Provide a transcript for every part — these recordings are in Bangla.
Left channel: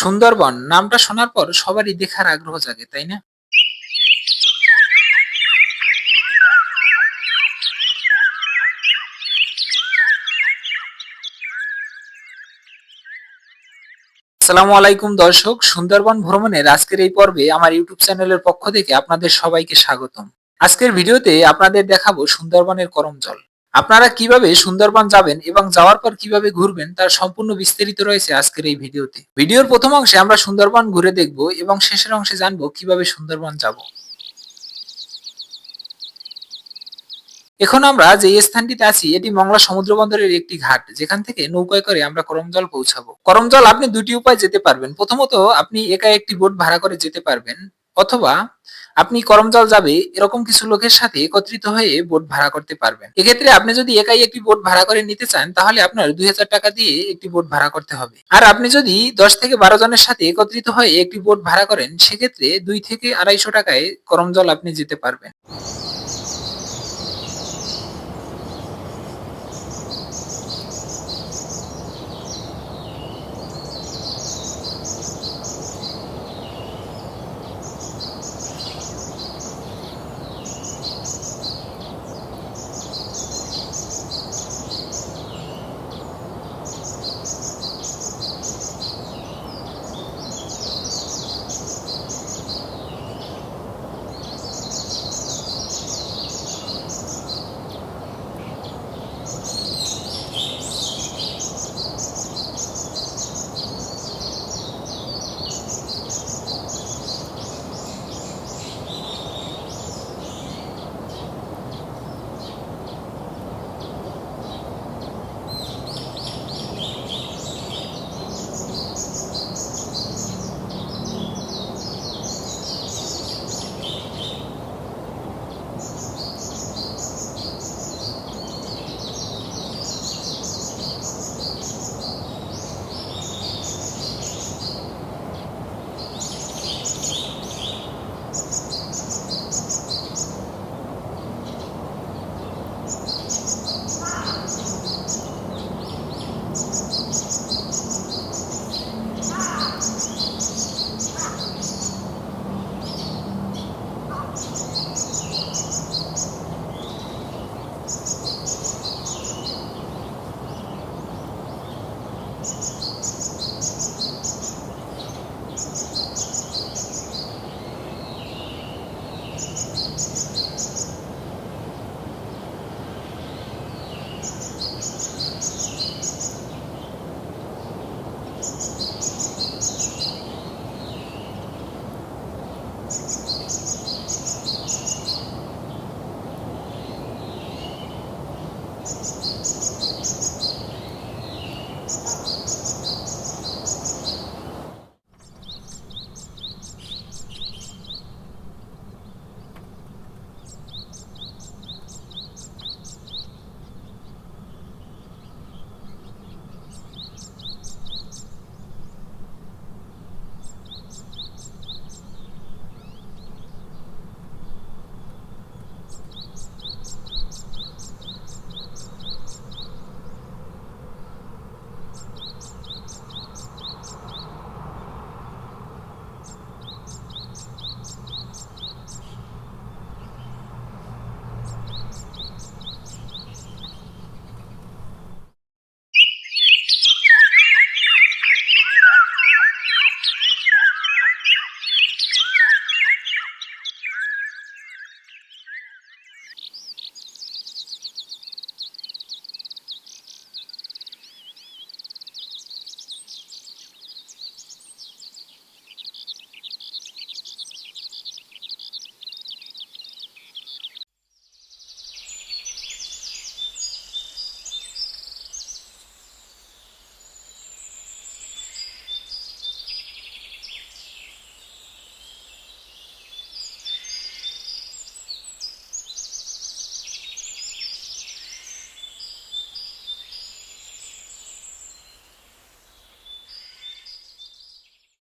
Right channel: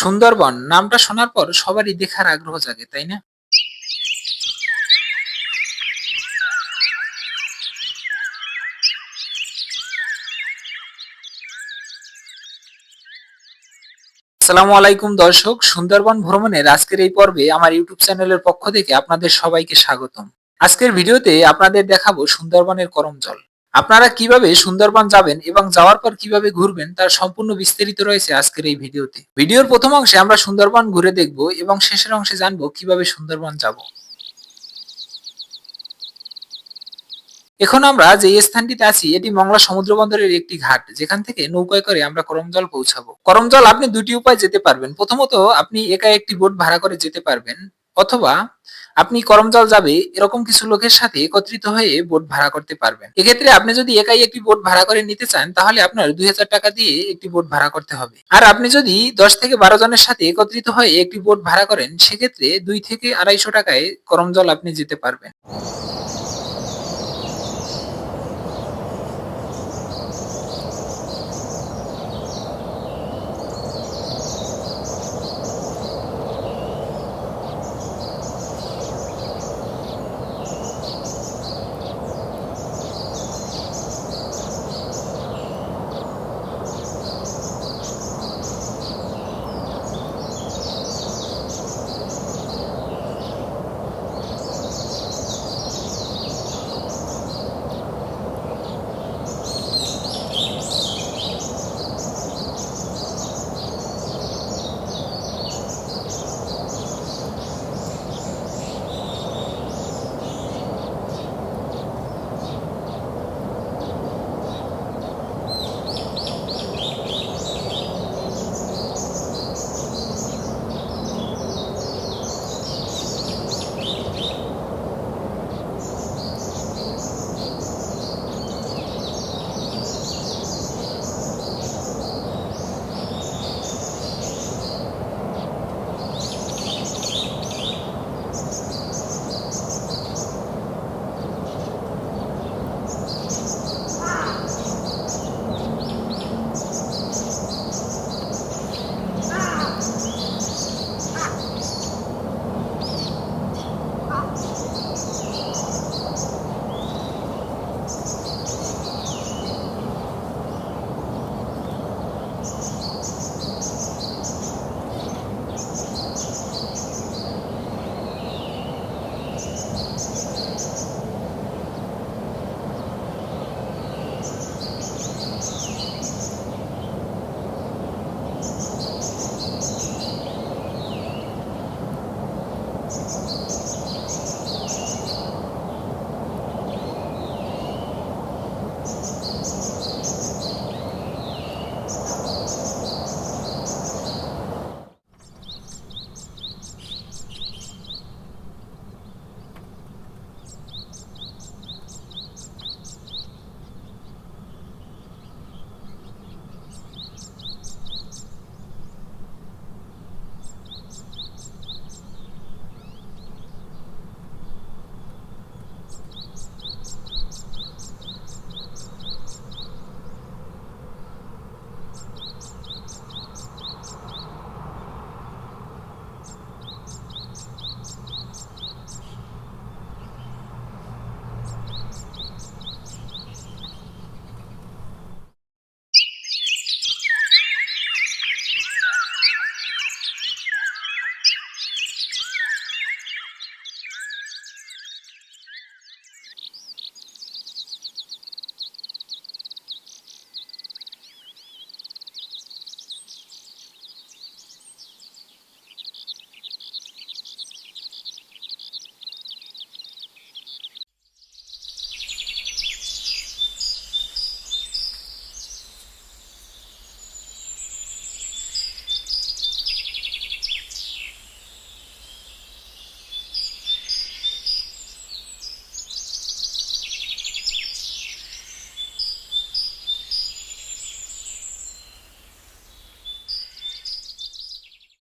সুন্দরবন, নামটা শোনার পর সবারই দেখার আগ্রহ জাগে, তাই না? আসসালামু আলাইকুম দর্শক, সুন্দরবন ভ্রমণের আজকের এই পর্বে আমার ইউটিউব চ্যানেলের পক্ষ থেকে আপনাদের সবাইকে স্বাগতম। আজকের ভিডিওতে আপনাদের দেখাবো সুন্দরবনের করমজল। আপনারা কীভাবে সুন্দরবন যাবেন এবং যাওয়ার পর কীভাবে ঘুরবেন তার সম্পূর্ণ বিস্তারিত রয়েছে আজকের এই ভিডিওতে। ভিডিওর প্রথম অংশে আমরা সুন্দরবন ঘুরে দেখব এবং শেষের অংশে জানব কীভাবে সুন্দরবন যাব। এখন আমরা যে স্থানটিতে আছি, এটি মংলা সমুদ্র বন্দরের একটি ঘাট। যেখান থেকে নৌকায় করে আমরা করমজল পৌঁছাবো। করমজল আপনি দুটি উপায় যেতে পারবেন। প্রথমত, আপনি একা একটি বোট ভাড়া করে যেতে পারবেন। অথবা আপনি করমজল যাবে এরকম কিছু লোকের সাথে একত্রিত হয়ে বোট ভাড়া করতে পারবেন। এক্ষেত্রে আপনি যদি একাই একটি বোট ভাড়া করে নিতে চান, তাহলে আপনার দুই হাজার টাকা দিয়ে একটি বোট ভাড়া করতে হবে। আর আপনি যদি দশ থেকে বারো জনের সাথে একত্রিত হয়ে একটি বোট ভাড়া করেন, সেক্ষেত্রে দুই থেকে আড়াইশো টাকায় করমজল আপনি যেতে পারবেন।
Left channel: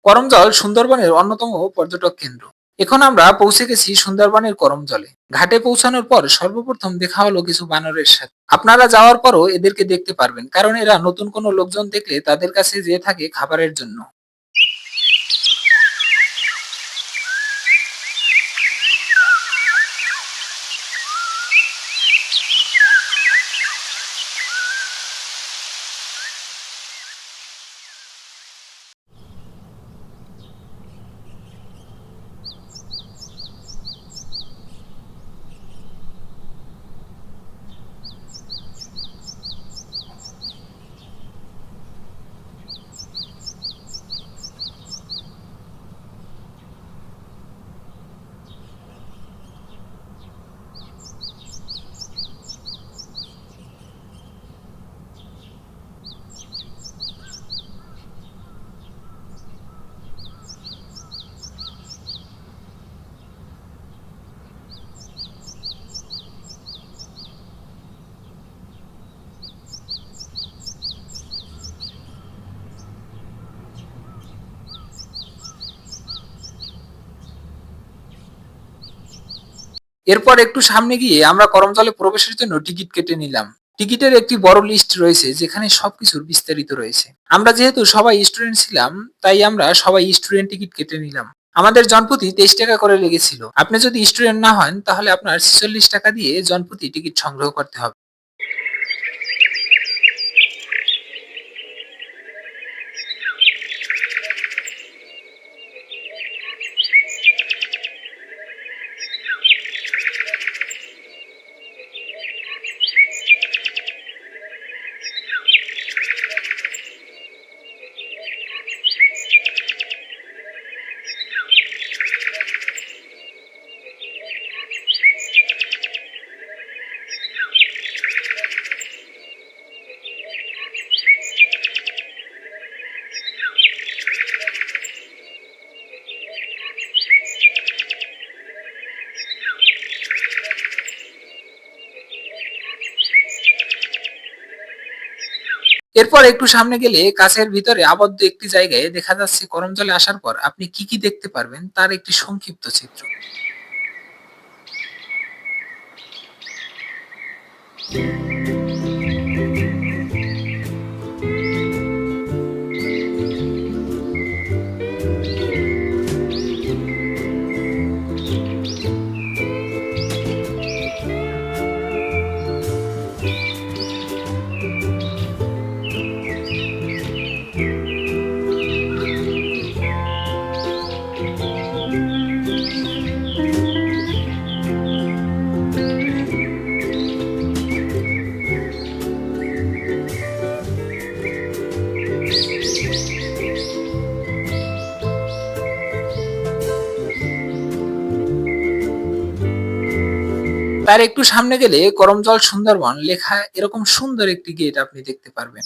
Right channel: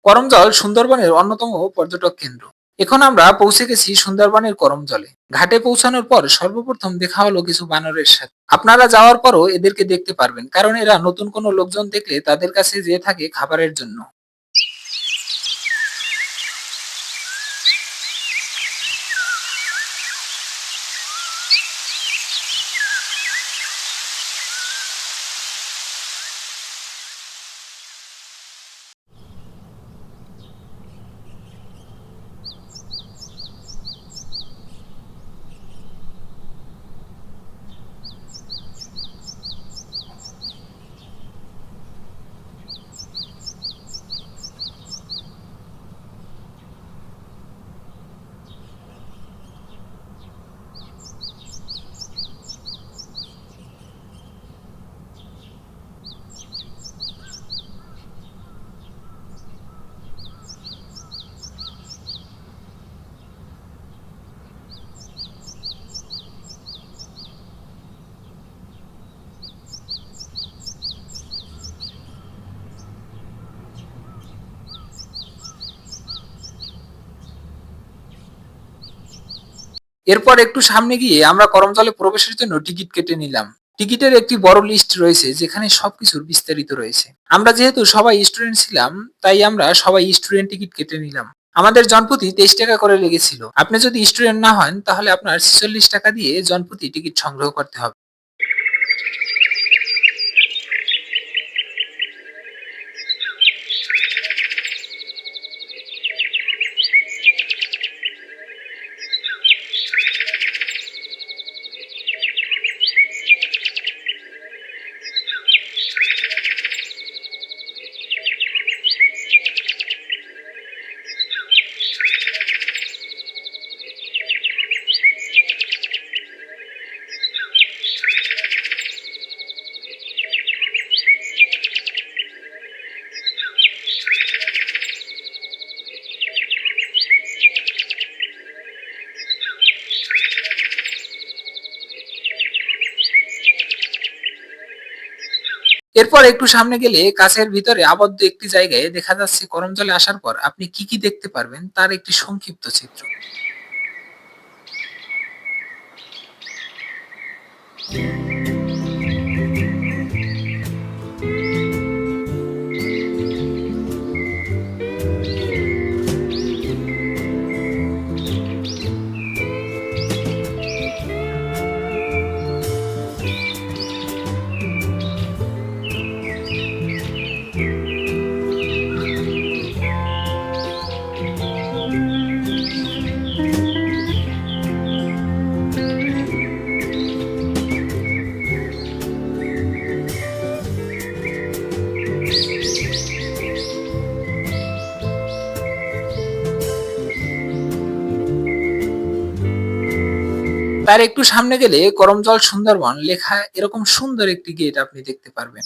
করমজল সুন্দরবনের অন্যতম পর্যটক কেন্দ্র। এখন আমরা পৌঁছে গেছি সুন্দরবনের করমজলে। ঘাটে পৌঁছানোর পর সর্বপ্রথম দেখা হলো কিছু বানরের সাথে। আপনারা যাওয়ার পরও এদেরকে দেখতে পারবেন, কারণ এরা নতুন কোনো লোকজন দেখলে তাদের কাছে যেয়ে থাকে খাবারের জন্য। এরপর একটু সামনে গিয়ে আমরা করমতলে প্রবেশের জন্য টিকিট কেটে নিলাম। টিকিটের একটি বড় লিস্ট রয়েছে, যেখানে সবকিছুর বিস্তারিত রয়েছে। আমরা যেহেতু সবাই স্টুডেন্ট ছিলাম, তাই আমরা সবাই স্টুডেন্ট টিকিট কেটে নিলাম। আমাদের জনপতি তেইশ টাকা করে লেগেছিল। আপনি যদি স্টুডেন্ট না হন, তাহলে আপনার ছেচল্লিশ টাকা দিয়ে জনপতি টিকিট সংগ্রহ করতে হবে। এরপর একটু সামনে গেলে কাছের ভিতরে আবদ্ধ একটি জায়গায় দেখা যাচ্ছে করমজলে আসার পর আপনি কি কি দেখতে পারবেন তার একটি সংক্ষিপ্ত চিত্র। তার একটু সামনে গেলে করমজল সুন্দরবন লেখা এরকম সুন্দর একটি গেট আপনি দেখতে পারবেন।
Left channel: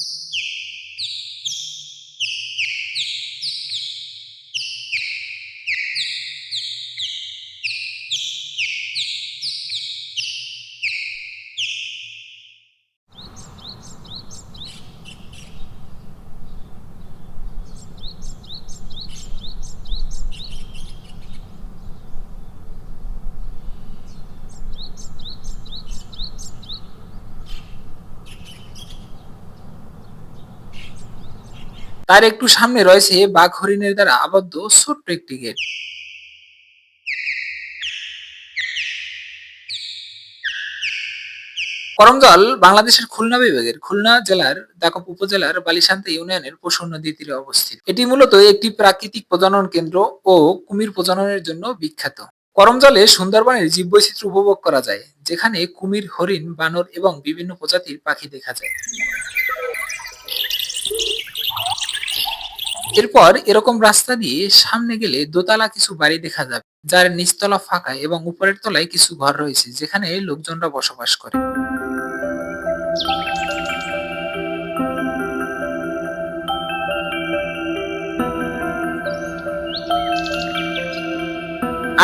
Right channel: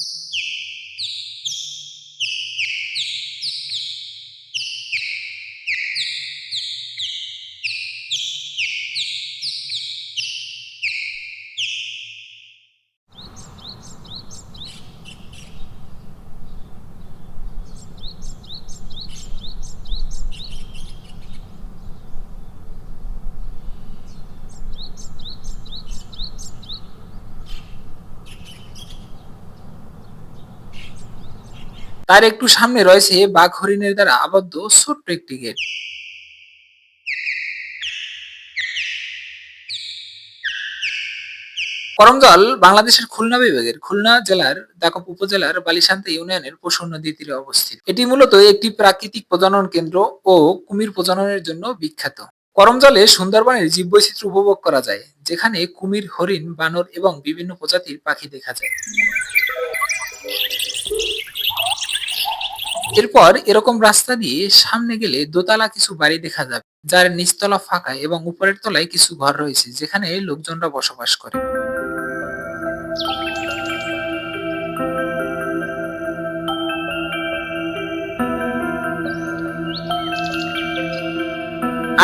তার একটু সামনে রয়েছে বাঘ হরিণের দ্বারা আবদ্ধ ছোট্ট একটি গেট। করমজল বাংলাদেশের খুলনা বিভাগের খুলনা জেলার দাকপ উপজেলার বালিশান্তা ইউনিয়নের পশুর নদীর তীরে অবস্থিত। এটি মূলত একটি প্রাকৃতিক প্রজনন কেন্দ্র ও কুমির প্রজননের জন্য বিখ্যাত। করমজলে সুন্দরবনের জীববৈচিত্র্য উপভোগ করা যায়, যেখানে কুমির, হরিণ, বানর এবং বিভিন্ন প্রজাতির পাখি দেখা যায়। এরপর এরকম রাস্তা দিয়ে সামনে গেলে দোতলা কিছু বাড়ি দেখা যাবে, যার নিচতলা ফাঁকা এবং উপরের তলায় কিছু ঘর রয়েছে, যেখানে লোকজনরা বসবাস করে।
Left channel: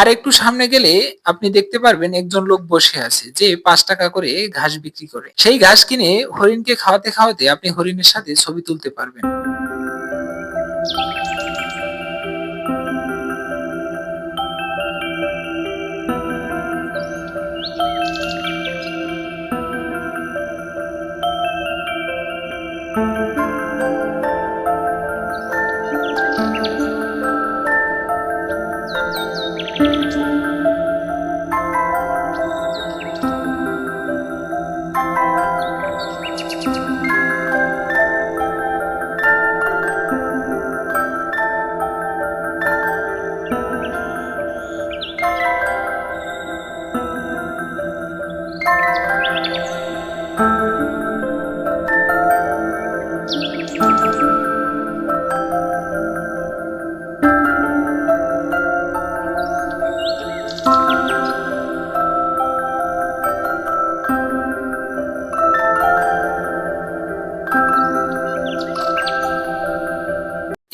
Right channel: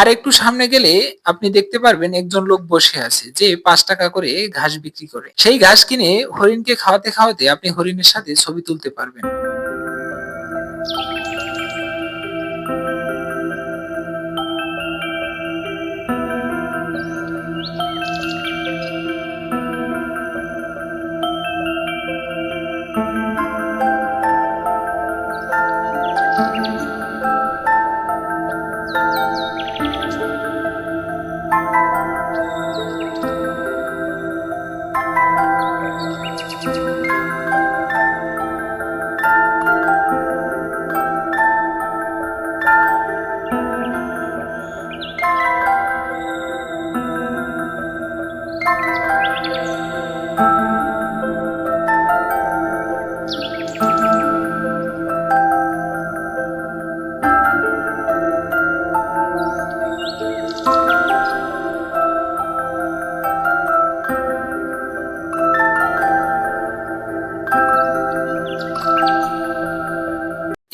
আর একটু সামনে গেলে আপনি দেখতে পারবেন একজন লোক বসে আছে, যে পাঁচ টাকা করে ঘাস বিক্রি করে। সেই ঘাস কিনে হরিণকে খাওয়াতে খাওয়াতে আপনি হরিণের সাথে ছবি তুলতে পারবেন।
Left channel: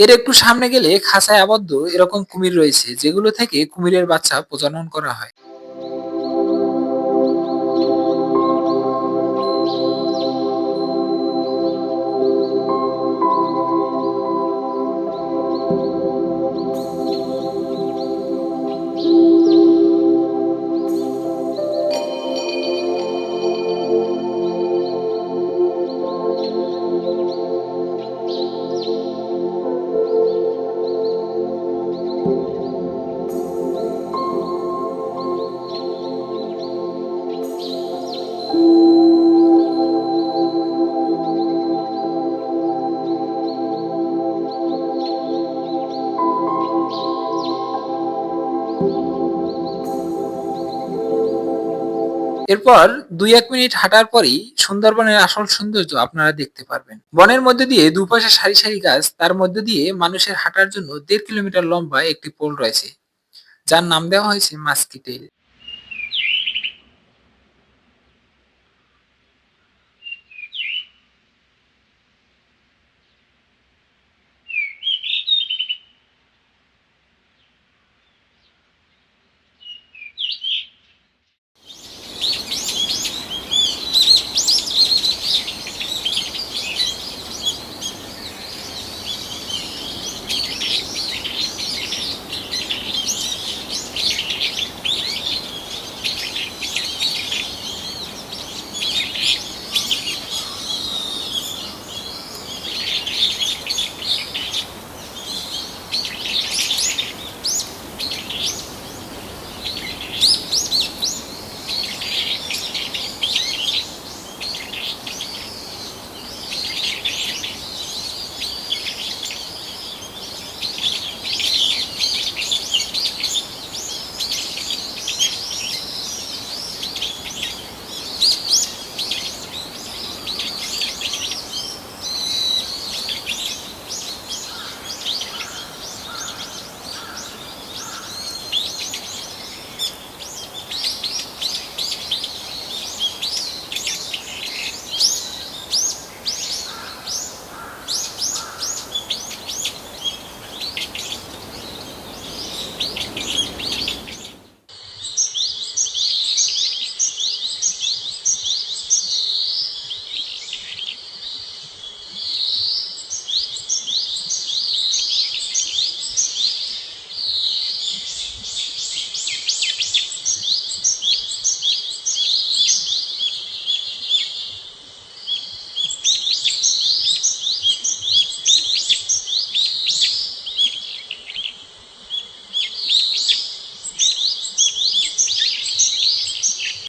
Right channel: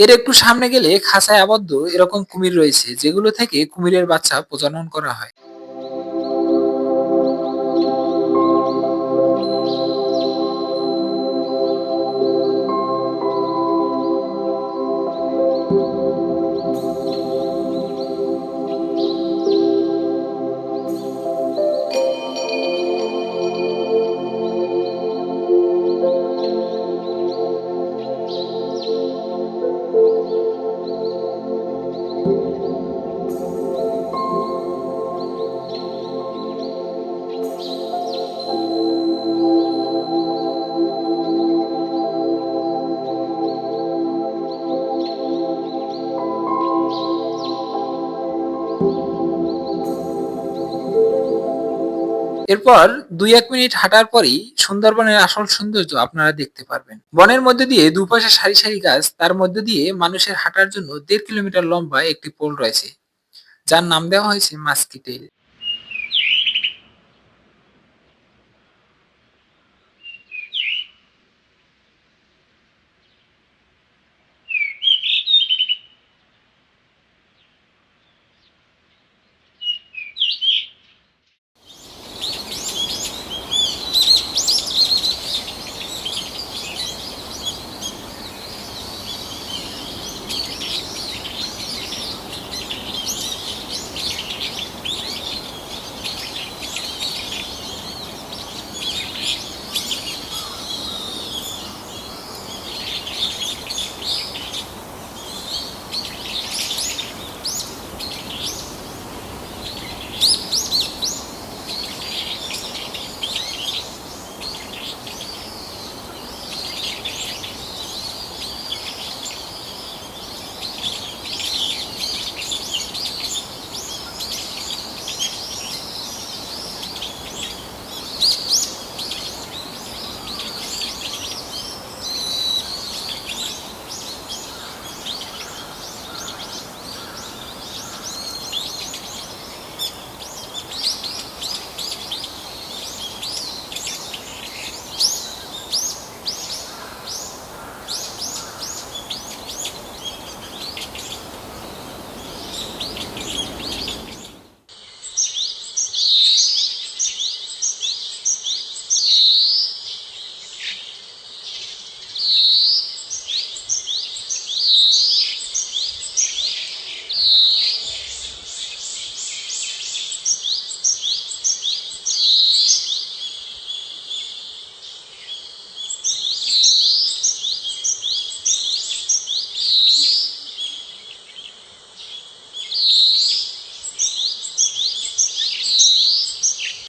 এর একটু সামনে গেলে খাঁচায় আবদ্ধ এরকম কুমির রয়েছে, যেগুলো থেকে কুমিরের বাচ্চা প্রজনন করা হয়। এরপর দুই এক মিনিট হাঁটার পরই সুন্দরবনের আসল সৌন্দর্য আপনারা দেখতে পারবেন। বনের মধ্যে দিয়ে দুপাশে সারি সারি গাছ, তার মধ্যে দিয়ে মানুষের হাঁটার জন্য দেড় কিলোমিটার লম্বা একটি পোল রয়েছে, যার নাম দেওয়া হয়েছে মাস্কিটেল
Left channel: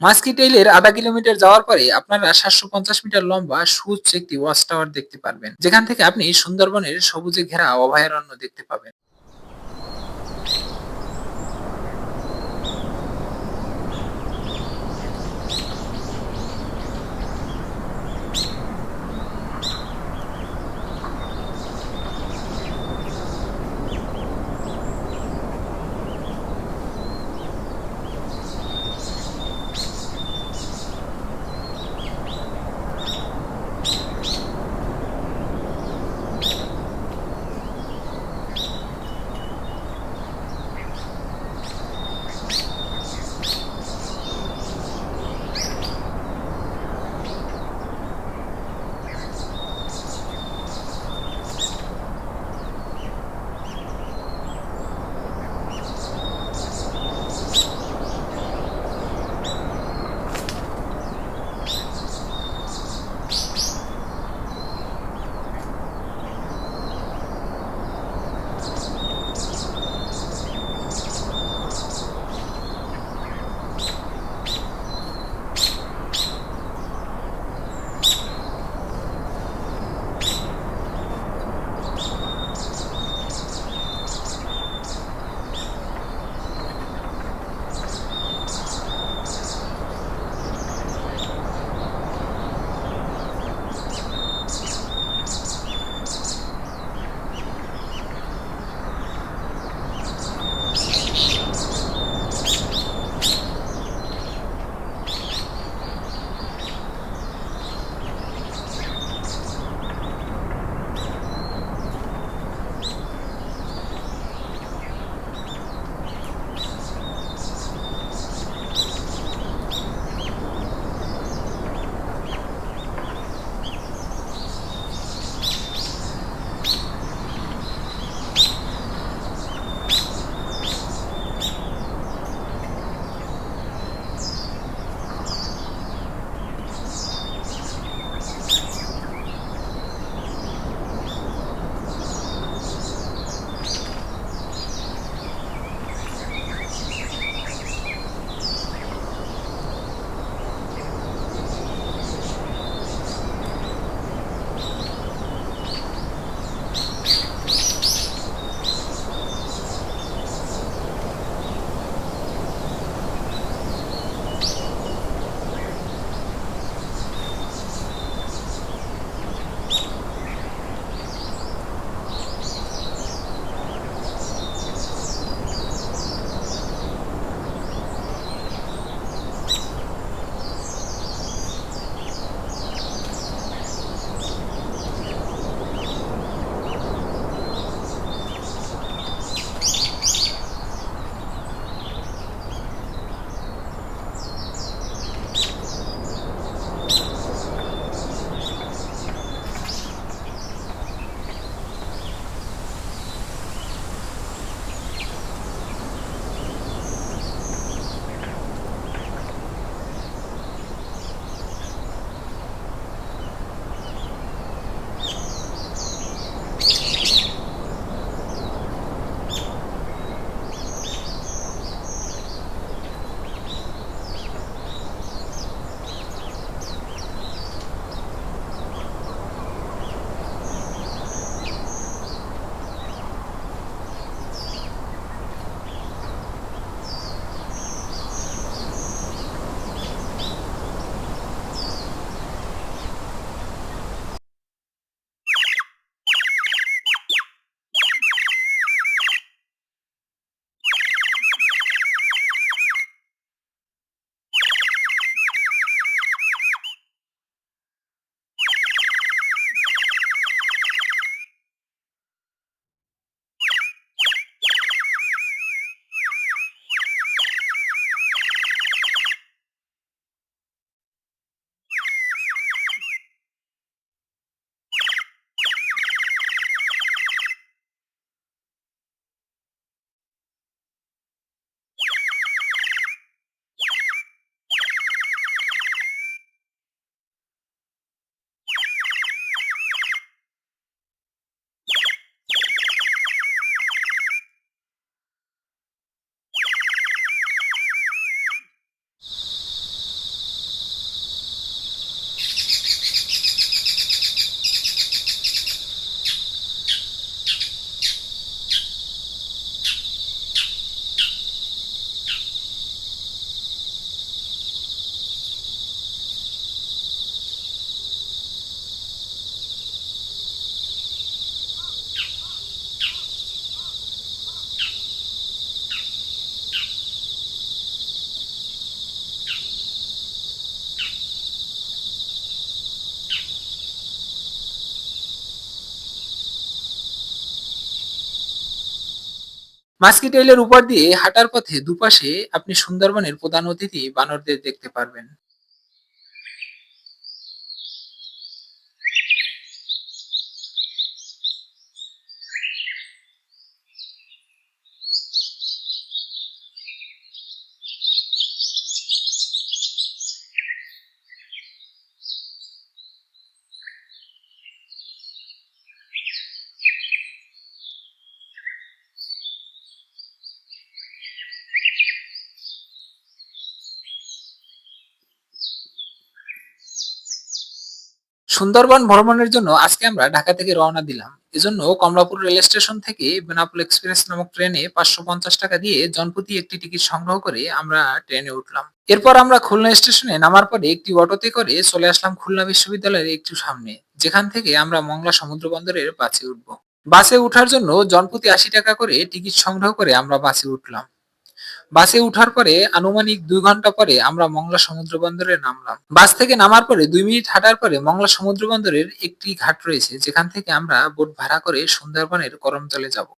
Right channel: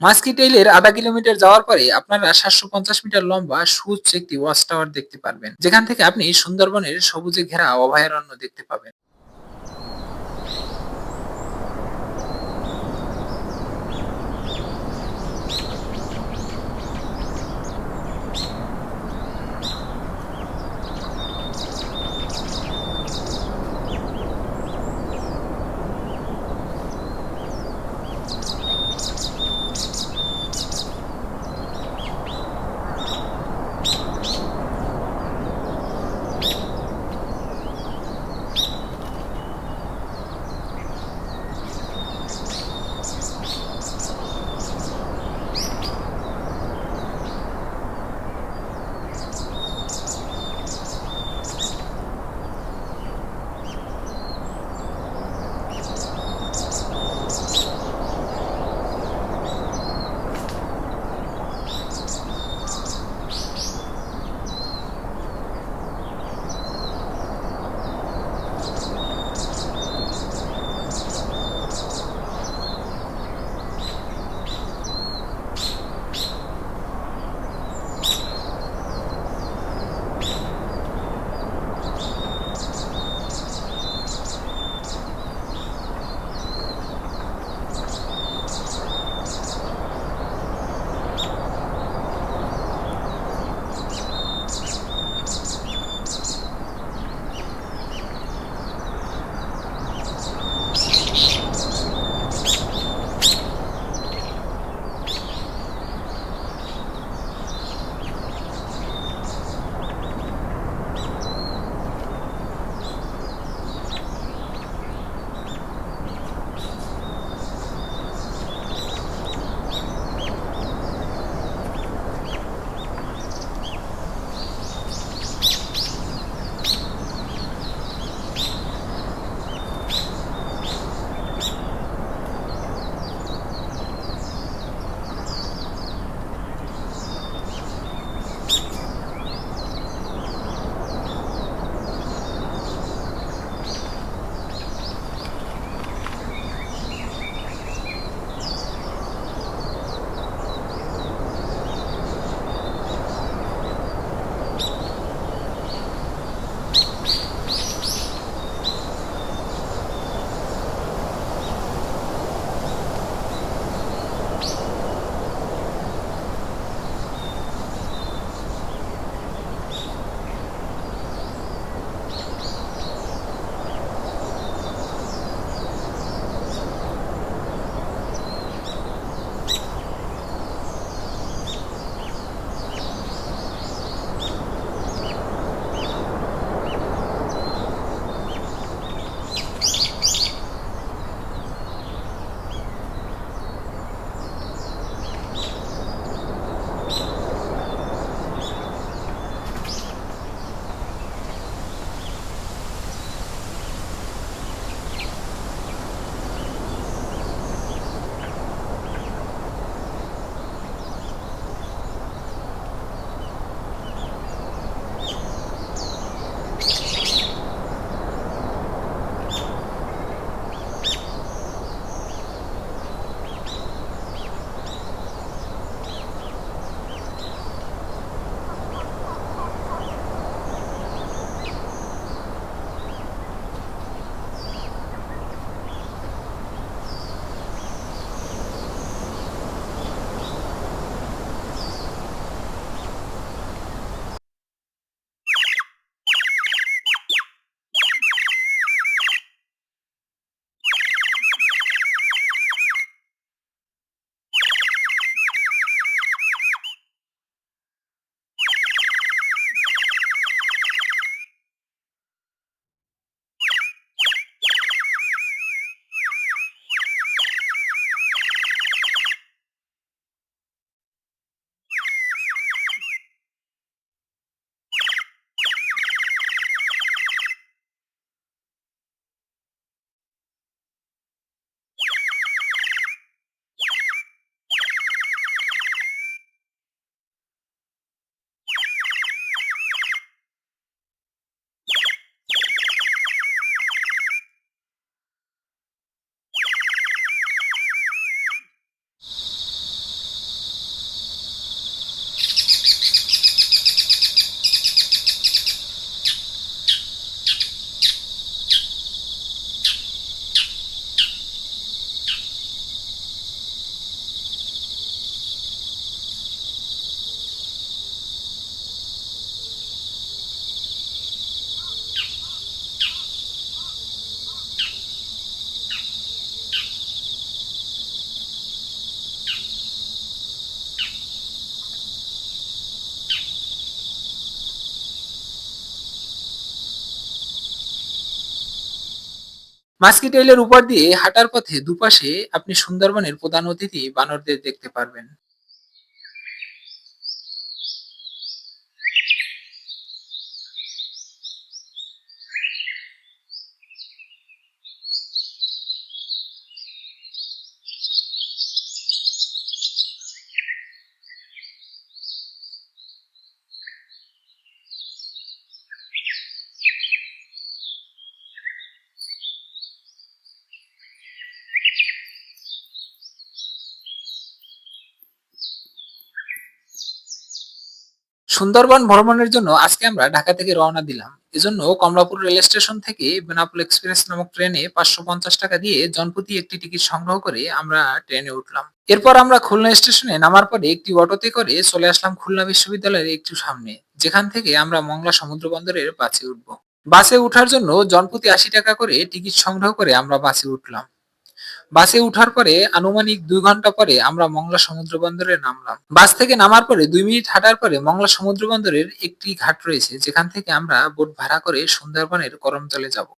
মাস্কিটেইলের আধা কিলোমিটার যাওয়ার পরে আপনারা সাতশো পঞ্চাশ মিটার লম্বা সুউচ্চ একটি ওয়াচ টাওয়ার দেখতে পারবেন। যেখান থেকে আপনি সুন্দরবনের সবুজে ঘেরা অভয়ারণ্য দেখতে পাবেন। মাস্কিটেইলের উপর দিয়ে হাঁটার পথে দুপাশে আপনি সুন্দরবনের প্রধান অতিথি বানরদের দেখতে পারবেন। সুন্দরবন ভ্রমণের জন্য আজকে আমরা ঢাকা থেকে রওনা দিলাম। এজন্য কমলাপুর রেল স্টেশন থেকে বেনাপোল এক্সপ্রেস নামক ট্রেনে পাঁচশো পঞ্চাশ টাকা দিয়ে জনপ্রতি একটি টিকিট সংগ্রহ করে আমরা ট্রেনে উঠলাম। এরপর আমরা খুলনা স্টেশনে নামার পরে একটি অটোতে করে চলে আসলাম খুলনা বিশ্ববিদ্যালয়ের একটু সামনে, যেখান থেকে আমরা মংলা সমুদ্র বন্দরের বাসে উঠব। বাসে ওঠার জন্য জনপ্রতি আশি টাকা করে টিকিট সংগ্রহ করে আমরা বাসে উঠলাম। বাসে উঠার পরে আনুমানিক দুই ঘণ্টা পরে আমরা মংলা সমুদ্র বন্দরে নামলাম। বাস থেকে নামার পরে দুই মিনিট হাঁটার পরে মংলা সমুদ্র বন্দরের একটি ঘাট রয়েছে, যেখান থেকে আমরা বোট ভাড়া করে সুন্দরবনের করমতলে যাব।